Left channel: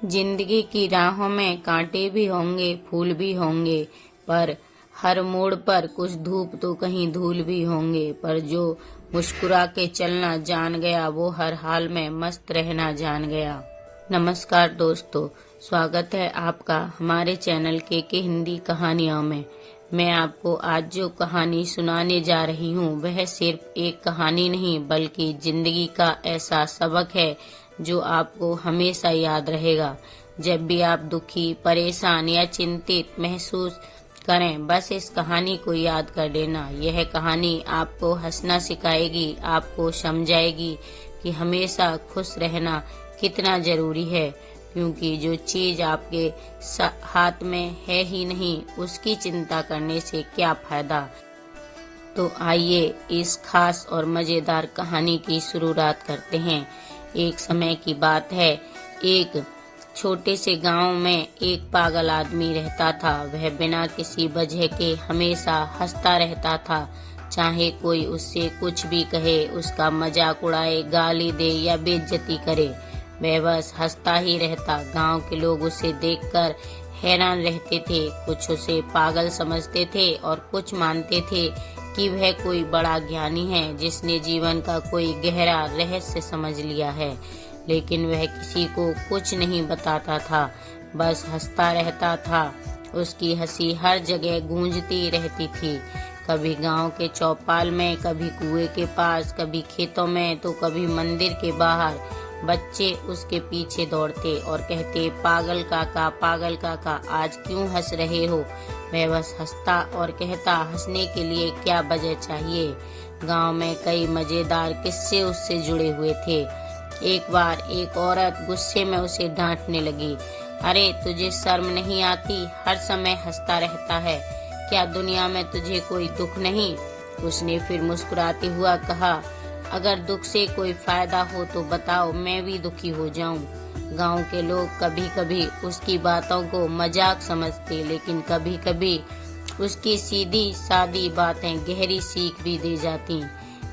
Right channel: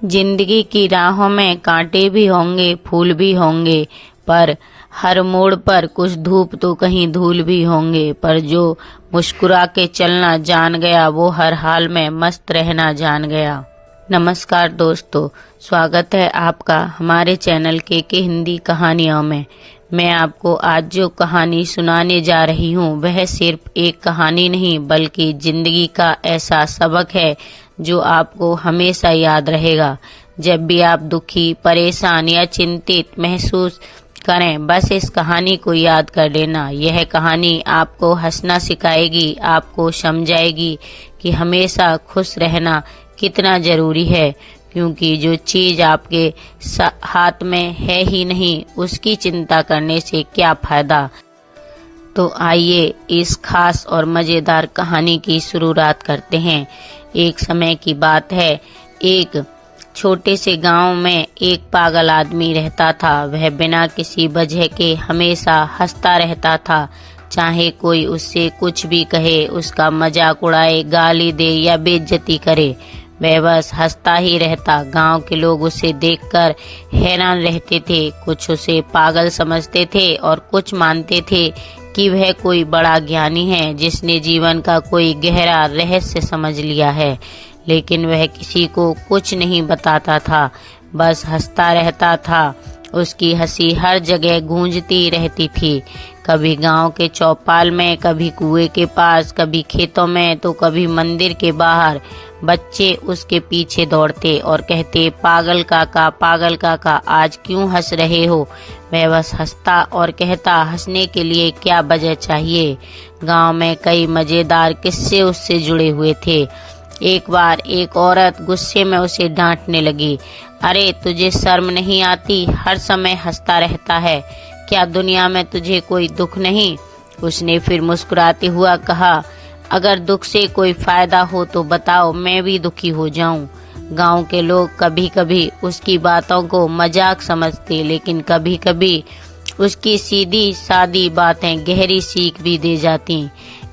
जिंदगी की राहों में कांटे भी होंगे, फूल भी होंगे, पर हर मोड़ पर कुछ धूप तो कहीं धूल भी होंगे। पर जो मुस्कुरा के चलना जान गया, वो हर हाल में मस्त रहना जान गया। नमस्कार दोस्तों, स्वागत है आपका हमारे चैनल के हिंदी कहानियों में। मैं आपको आज जो कहानी सुनाने जा रही हूँ वह सिर्फ एक कहानी नहीं बल्कि जिंदगी का ऐसा सबक है जो आपको हमेशा याद रहेगा। जब भी आप दुखी, परेशान या चिंतित महसूस करें, बस इस कहानी को याद कर लेना। यह कहानी आपको हंसना सिखाएगी, आपको समझाएगी कि हमेशा खुश रहना कितना जरूरी है, क्योंकि जो चीज आपके हाथ में है ही नहीं, उसकी चिंता करने से क्या फायदा। तो आइए इस खास और मजेदार कहानी की शुरुआत करते हैं। एक समय की बात है, एक छोटे से गांव में एक पागल आदमी रहता था। वह बिना किसी वजह के हमेशा हंसता रहता था। चाहे कोई उससे कुछ भी कहे, उसका मजाक उड़ाए, गाली दे या बेइज्जती करे, वह बस हंसता ही रहता। गांव के लोग उसे देखकर हैरान रहते थे। कुछ उसे पागल समझते थे और कुछ मानते थे कि वह कोई बड़ा ज्ञानी है जिसने जीवन का कोई गहरा रहस्य समझ लिया है। लेकिन वह किसी को कुछ नहीं बताता था, बस हंसता रहता था। उसकी हंसी हर जगह गूंजती रहती थी, कभी गांव के चौपाल में, कभी कुएं के पास, कभी खेतों में, तो कभी मंदिर के बाहर। बच्चे उसके पीछे दौड़ते और कहते, पागल काका आज क्यों हंस रहे हो। वह बस हंसता और कहता, हंसने के लिए क्या वजह चाहिए। गांव में कई मजेदार किस्से उससे जुड़े हुए थे। एक बार एक औरत गुस्से में उसे डांटने लगी, अरे तुझे शर्म नहीं आती, हर समय हंसता रहता है, क्या दुनिया में तुझे कोई दुख नहीं। उसने फिर मुस्कुराते हुआ कहा, अगर दुख से कोई फायदा हो तो बताओ, मैं भी दुखी हो जाऊं। गांव के लोग कभी कभी उसकी बातों को मजाक समझते, लेकिन कभी कभी उसकी सीधी सादी बातें गहरी सीख भी दे जाती।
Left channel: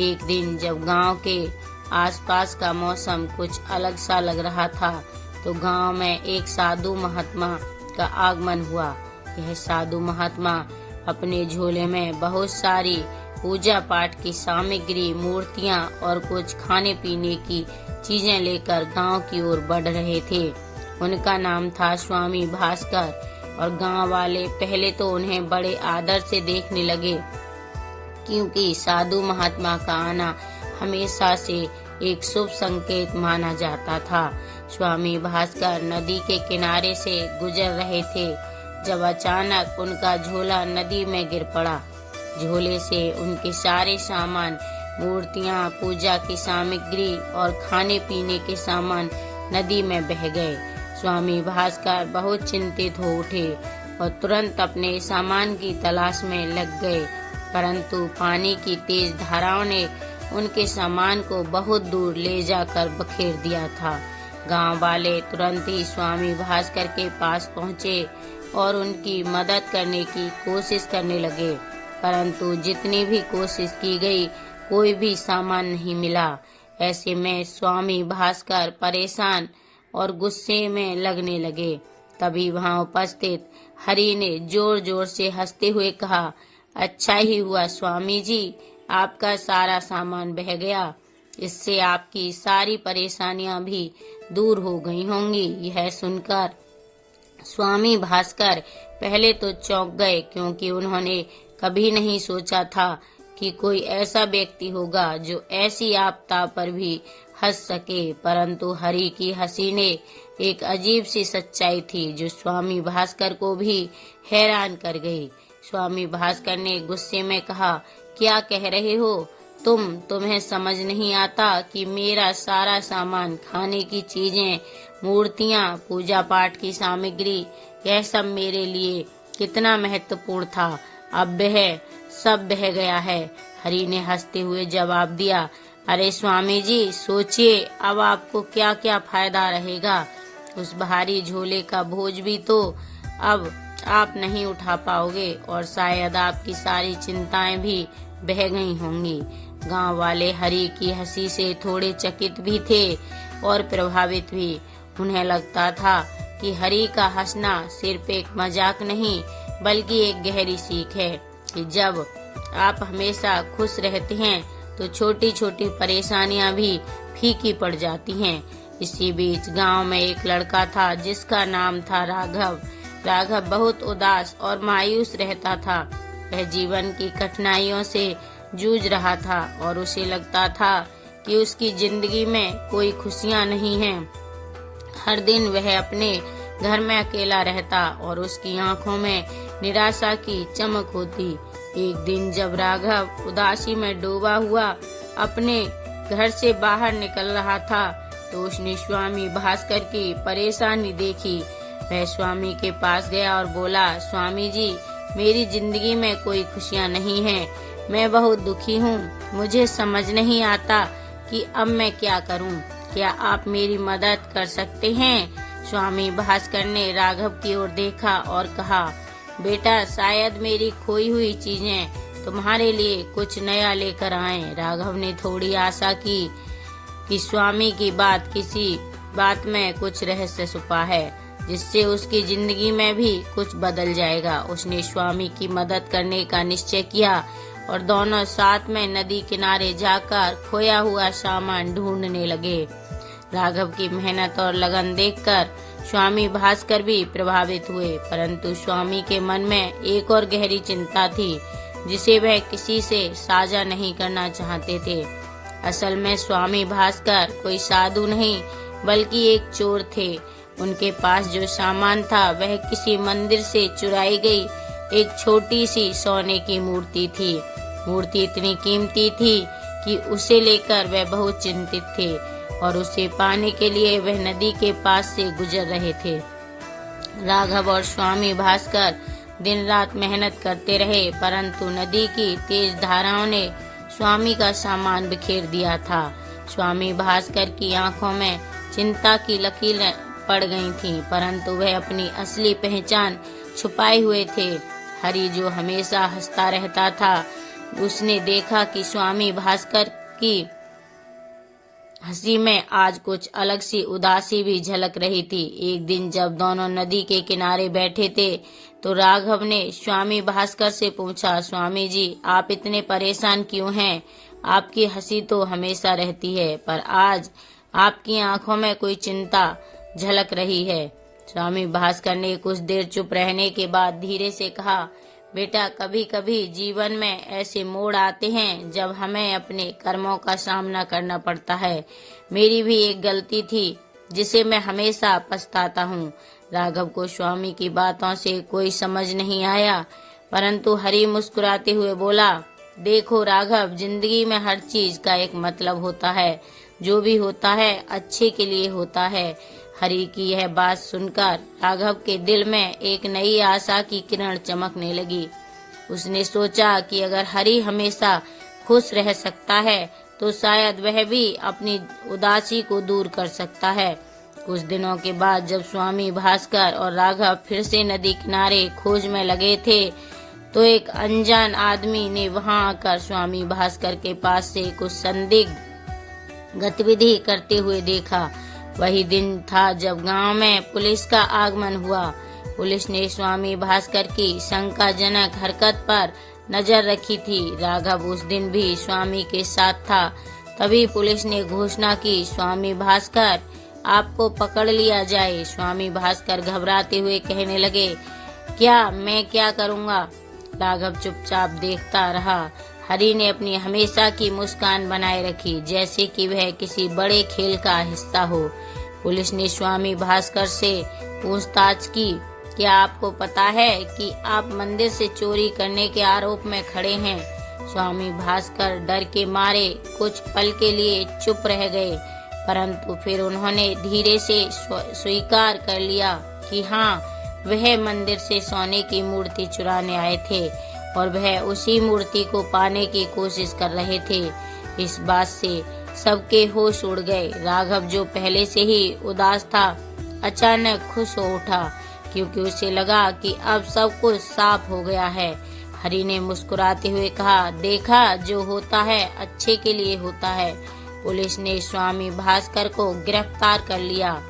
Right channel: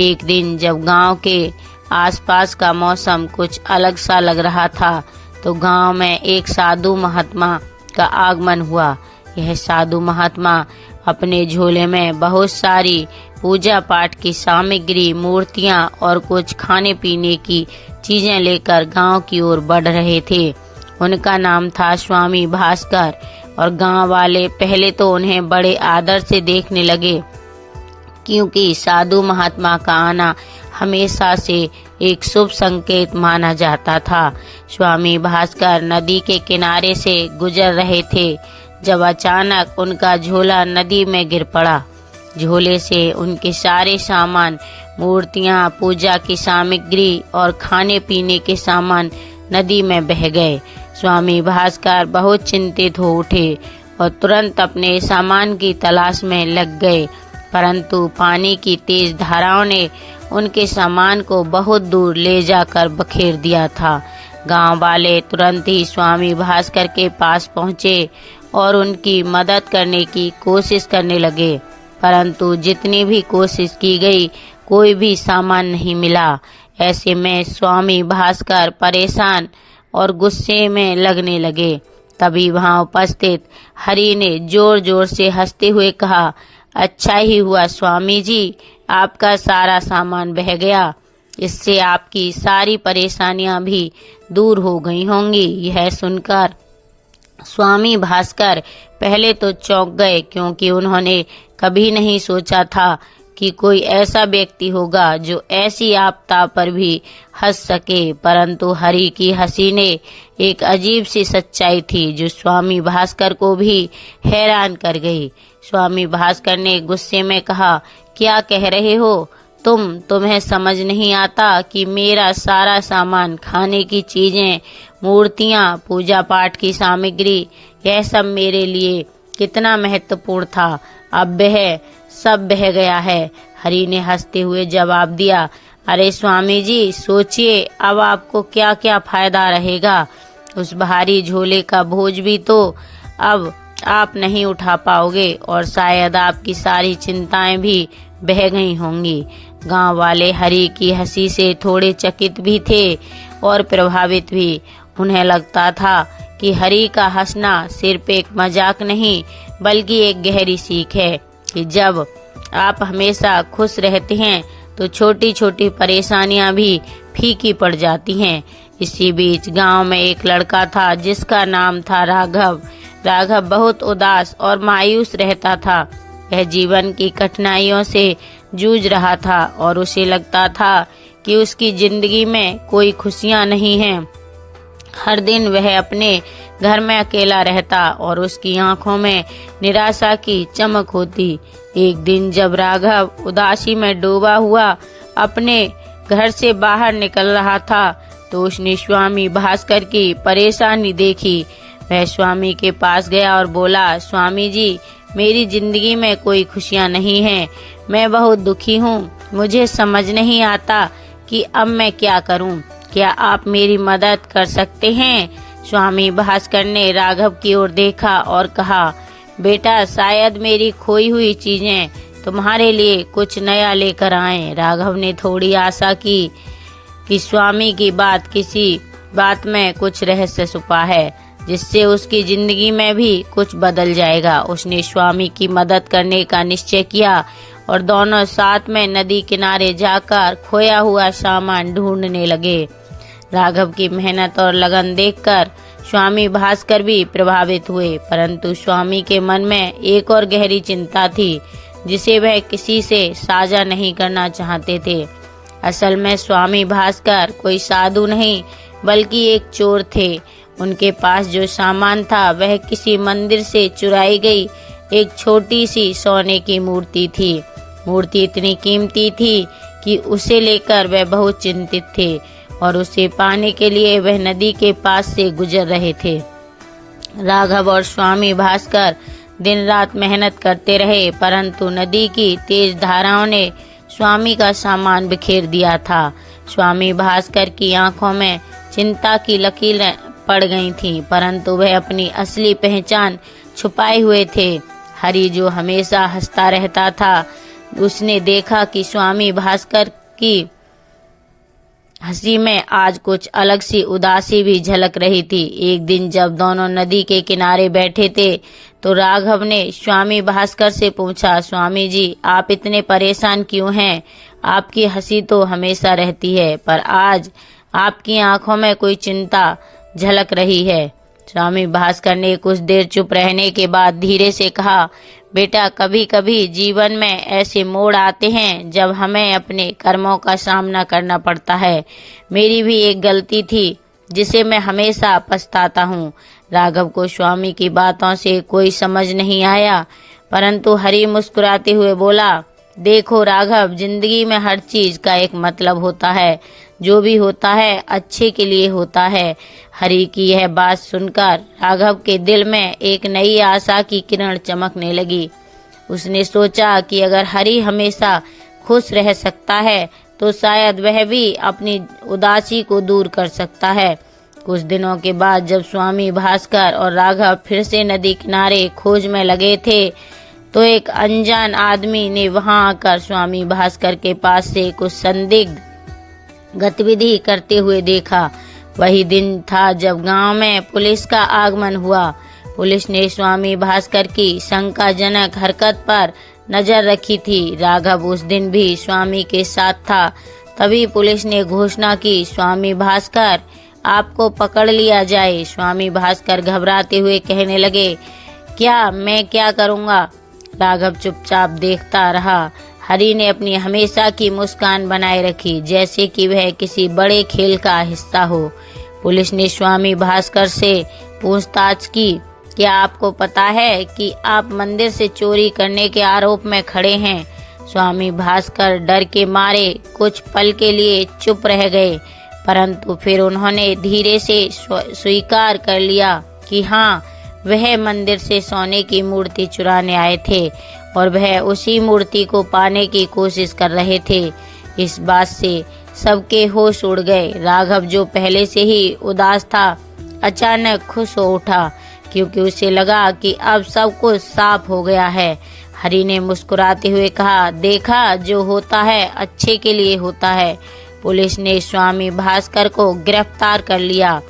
एक दिन जब गांव के आसपास का मौसम कुछ अलग सा लग रहा था, तो गांव में एक साधु महात्मा का आगमन हुआ। यह साधु महात्मा अपने झोले में बहुत सारी पूजा पाठ की सामग्री, मूर्तियां और कुछ खाने पीने की चीजें लेकर गांव की ओर बढ़ रहे थे। उनका नाम था स्वामी भास्कर, और गांव वाले पहले तो उन्हें बड़े आदर से देखने लगे, क्योंकि साधु महात्मा का आना हमेशा से एक शुभ संकेत माना जाता था। स्वामी भास्कर नदी के किनारे से गुजर रहे थे जब अचानक उनका झोला नदी में गिर पड़ा। झोले से उनके सारे सामान, मूर्तियां, पूजा की सामग्री और खाने पीने के सामान नदी में बह गए। स्वामी भास्कर बहुत चिंतित हो उठे और तुरंत अपने सामान की तलाश में लग गए, परंतु पानी की तेज धाराओं ने उनके सामान को बहुत दूर ले जाकर बखेर दिया था। गांव वाले तुरंत ही स्वामी भास्कर के पास पहुंचे और उनकी मदद करने की कोशिश करने लगे, परंतु जितनी भी कोशिश की गई, कोई भी सामान नहीं मिला। ऐसे में स्वामी भास्कर परेशान और गुस्से में लगने लगे। तभी वहां उपस्थित हरि ने जोर जोर से हंसते हुए कहा, अच्छा ही हुआ स्वामी जी, आपका सारा सामान बह गया, इससे आपकी सारी परेशानियां भी दूर हो गई होंगी। यह सुनकर स्वामी भास्कर पहले तो चौंक गए, क्योंकि उन्होंने कभी नहीं सोचा था कि कोई ऐसा व्यक्ति होगा जो ऐसी आपदा पर भी हंस सके। परंतु हरि की हंसी ने एक अजीब सी सच्चाई थी जो स्वामी भास्कर को भी हैरान कर गई। स्वामी भास्कर ने गुस्से में कहा, क्या कह रहे हो तुम्हें समझ नहीं आता कि मेरा सारा सामान, खाने की चीजें, मूर्तियां, पूजा पाठ की सामग्री, यह सब मेरे लिए कितना महत्वपूर्ण था, अब वह सब बह गया है। हरि ने हंसते हुए जवाब दिया, अरे स्वामी जी सोचिए, अब आपको क्या क्या फायदा रहेगा। उस भारी झोले का बोझ भी तो अब आप नहीं उठा पाओगे, और शायद आपकी सारी चिंताएं भी बह गई होंगी। गांव वाले हरि की हंसी से थोड़े चकित भी थे और प्रभावित भी। उन्हें लगता था कि हरि का हंसना सिर्फ एक मजाक नहीं बल्कि एक गहरी सीख है कि जब आप हमेशा खुश रहते हैं तो छोटी छोटी परेशानियां भी फीकी पड़ जाती हैं। इसी बीच गांव में एक लड़का था जिसका नाम था राघव। राघव बहुत उदास और मायूस रहता था। वह जीवन की कठिनाइयों से जूझ रहा था और उसे लगता था कि उसकी जिंदगी में कोई खुशियां नहीं हैं। हर दिन वह अपने घर में अकेला रहता और उसकी आंखों में निराशा की चमक होती। एक दिन जब राघव उदासी में डूबा हुआ अपने घर से बाहर निकल रहा था तो उसने स्वामी भास्कर की परेशानी देखी। वह स्वामी के पास गया और बोला, स्वामी जी, मेरी जिंदगी में कोई खुशियां नहीं हैं। मैं बहुत दुखी हूँ। मुझे समझ नहीं आता कि अब मैं क्या करूँ। क्या आप मेरी मदद कर सकते हैं? स्वामी भास्कर ने राघव की ओर देखा और कहा, बेटा, शायद मेरी खोई हुई चीजें तुम्हारे लिए कुछ नया लेकर आएं। राघव ने थोड़ी आशा की कि स्वामी की किसी बात में कुछ रहस्य छुपा है जिससे उसकी जिंदगी में भी कुछ बदल जाएगा। उसने स्वामी की मदद करने का निश्चय किया और दोनों साथ में नदी किनारे जाकर खोया हुआ सामान ढूंढने लगे। राघव की मेहनत और लगन देखकर स्वामी भास्कर भी प्रभावित हुए, परंतु स्वामी के मन में एक और गहरी चिंता थी जिसे वह किसी से साझा नहीं करना चाहते थे। असल में स्वामी भास्कर कोई साधु नहीं बल्कि एक चोर थे। उनके पास जो सामान था वह किसी मंदिर से चुराई गई एक छोटी सी सोने की मूर्ति थी। मूर्ति इतनी कीमती थी कि उसे लेकर वह बहुत चिंतित थे और उसे पाने के लिए वह नदी के पास से गुजर रहे थे। राघव और स्वामी भास्कर दिन रात मेहनत करते रहे, परंतु नदी की तेज धाराओं ने स्वामी का सामान बिखेर दिया था। स्वामी भास्कर की आंखों में चिंता की लकीरें पड़ गई थीं, परंतु वह अपनी असली पहचान छुपाए हुए थे। हरि जो हमेशा हंसता रहता था, उसने देखा कि स्वामी भास्कर की हंसी में आज कुछ अलग सी उदासी भी झलक रही थी। एक दिन जब दोनों नदी के किनारे बैठे थे तो राघव ने स्वामी भास्कर से पूछा, स्वामी जी, आप इतने परेशान क्यों हैं? आपकी हंसी तो हमेशा रहती है, पर आज आपकी आंखों में कोई चिंता झलक रही है। स्वामी भास्कर ने कुछ देर चुप रहने के बाद धीरे से कहा, बेटा, कभी कभी जीवन में ऐसे मोड़ आते हैं जब हमें अपने कर्मों का सामना करना पड़ता है। मेरी भी एक गलती थी जिसे मैं हमेशा पछताता हूँ। राघव को स्वामी की बातों से कोई समझ नहीं आया, परंतु हरि मुस्कुराते हुए बोला, देखो राघव, जिंदगी में हर चीज का एक मतलब होता है। जो भी होता है अच्छे के लिए होता है। हरि की यह बात सुनकर राघव के दिल में एक नई आशा की किरण चमकने लगी। उसने सोचा कि अगर हरि हमेशा खुश रह सकता है तो शायद वह भी अपनी उदासी को दूर कर सकता है। कुछ दिनों के बाद जब स्वामी भास्कर और राघव फिर से नदी किनारे खोज में लगे थे तो एक अनजान आदमी ने वहां आकर स्वामी भास्कर के पास से कुछ संदिग्ध गतिविधि करते हुए देखा। वही दिन था जब गांव में पुलिस का आगमन हुआ। पुलिस ने स्वामी भास्कर की शंकाजनक हरकत पर नजर रखी थी। राघव उस दिन भी स्वामी के साथ था। तभी पुलिस ने घोषणा की, स्वामी भास्कर, आपको पकड़ लिया जाए। स्वामी भास्कर घबराते हुए कहने लगे, मैं क्या करूँगा? राघव चुपचाप देखता रहा। हरि ने अपनी हमेशा की मुस्कान बनाए रखी, जैसे कि वह किसी बड़े खेल का हिस्सा हो। पुलिस ने स्वामी भास्कर से पूछताछ की, क्या आपको पता है कि आप मंदिर से चोरी करने के आरोप में खड़े हैं? स्वामी भास्कर डर के मारे कुछ पल के लिए चुप रह गए, परंतु फिर उन्होंने धीरे से स्वीकार कर लिया कि हाँ, वह मंदिर से सोने की मूर्ति चुराने आए थे और वह उसी मूर्ति को पाने की कोशिश कर रहे थे। इस बात से सबके होश उड़ गए। राघव, जो पहले से ही उदास था, अचानक खुश हो उठा क्योंकि उसे लगा कि अब सब कुछ साफ हो गया है। हरि ने मुस्कुराते हुए कहा, देखा, जो होता है अच्छे के लिए होता है। पुलिस ने स्वामी भास्कर को गिरफ्तार कर लिया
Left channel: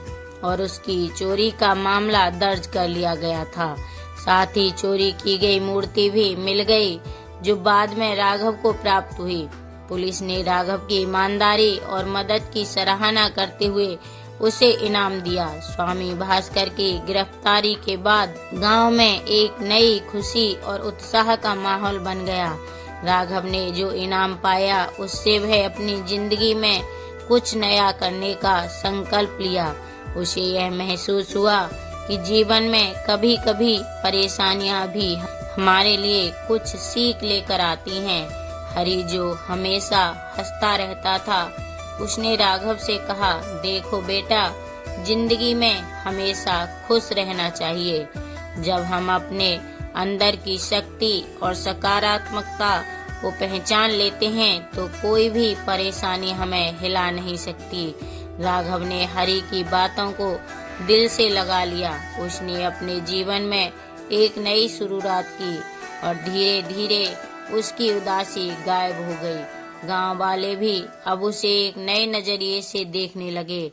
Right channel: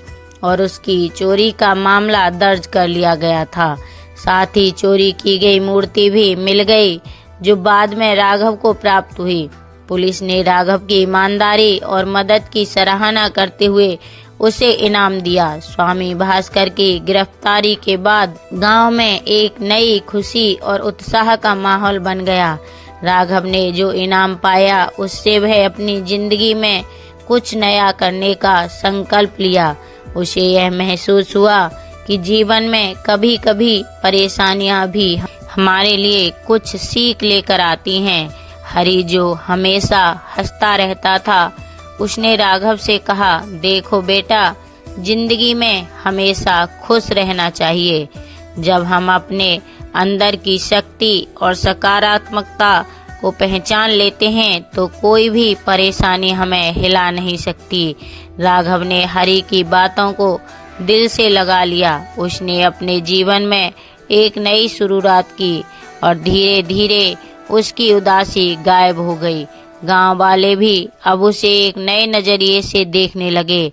और उसकी चोरी का मामला दर्ज कर लिया गया था। साथ ही चोरी की गई मूर्ति भी मिल गई, जो बाद में राघव को प्राप्त हुई। पुलिस ने राघव की ईमानदारी और मदद की सराहना करते हुए उसे इनाम दिया। स्वामी भास्कर की गिरफ्तारी के बाद गांव में एक नई खुशी और उत्साह का माहौल बन गया। राघव ने जो इनाम पाया, उससे वह अपनी जिंदगी में कुछ नया करने का संकल्प लिया। उसे यह महसूस हुआ कि जीवन में कभी कभी परेशानियां भी हमारे लिए कुछ सीख लेकर आती हैं। हरी, जो हमेशा हंसता रहता था, उसने राघव से कहा, देखो बेटा, जिंदगी में हमेशा खुश रहना चाहिए। जब हम अपने अंदर की शक्ति और सकारात्मकता को पहचान लेते हैं तो कोई भी परेशानी हमें हिला नहीं सकती। राघव ने हरी की बातों को दिल से लगा लिया। उसने अपने जीवन में एक नई शुरुआत की और धीरे धीरे उसकी उदासी गायब हो गई। गांव वाले भी अब उसे एक नए नजरिए से देखने लगे।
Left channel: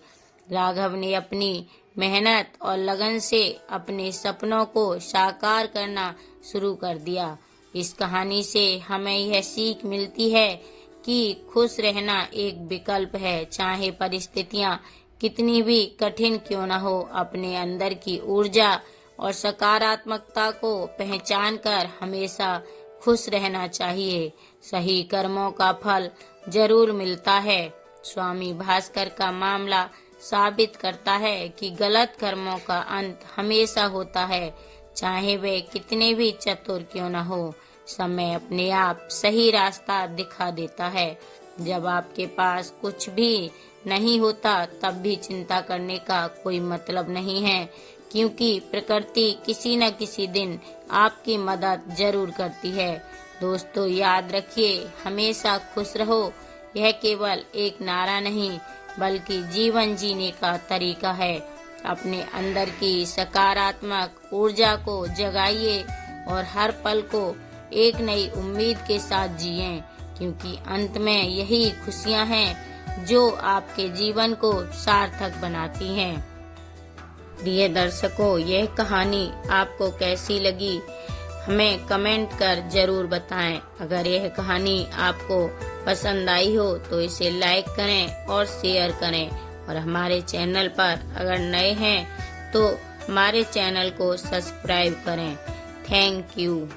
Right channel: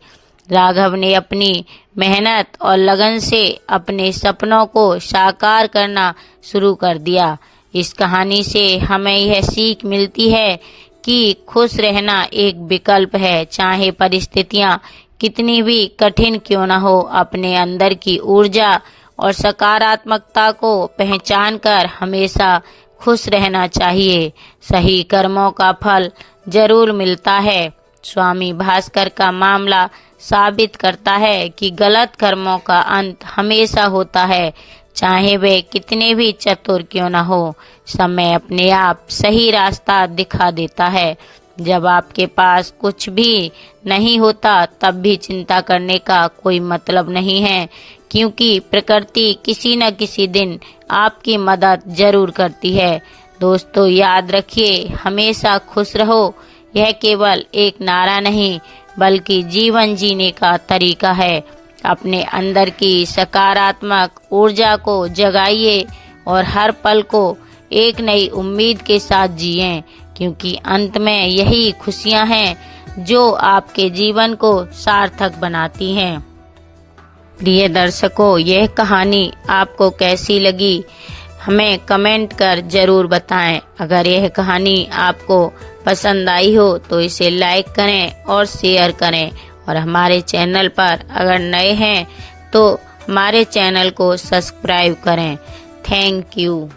राघव ने अपनी मेहनत और लगन से अपने सपनों को साकार करना शुरू कर दिया। इस कहानी से हमें यह सीख मिलती है कि खुश रहना एक विकल्प है। चाहे परिस्थितियां कितनी भी कठिन क्यों न हो, अपने अंदर की ऊर्जा और सकारात्मकता को पहचान कर हमेशा खुश रहना चाहिए। सही कर्मों का फल जरूर मिलता है। स्वामी भास्कर का मामला साबित करता है कि गलत कर्मों का अंत हमेशा होता है, चाहे वे कितने भी चतुर क्यों न हो। समय अपने आप सही रास्ता दिखा देता है। जब आपके पास कुछ भी नहीं होता, तब भी चिंता करने का कोई मतलब नहीं है, क्योंकि प्रकृति किसी न किसी दिन आपकी मदद जरूर करती है। दोस्तों, याद रखिए, हमेशा खुश रहो। यह केवल एक नारा नहीं, बल्कि जीवन जीने का तरीका है। अपने अंदर की सकारात्मक ऊर्जा को जगाइए और हर पल को एक नई उम्मीद के साथ जिएं, क्योंकि अंत में यही खुशियां हैं जो आपके जीवन को सार्थक बनाती हैं। प्रिय दर्शकों, यह कहानी आपको कैसी लगी, हमें कमेंट कर जरूर बताएं। अगर यह कहानी आपको पसंद आई हो तो इसे लाइक करें और शेयर करें, और हमारे चैनल पर अगर नए हैं तो हमारे चैनल को सब्सक्राइब करें। Thank you.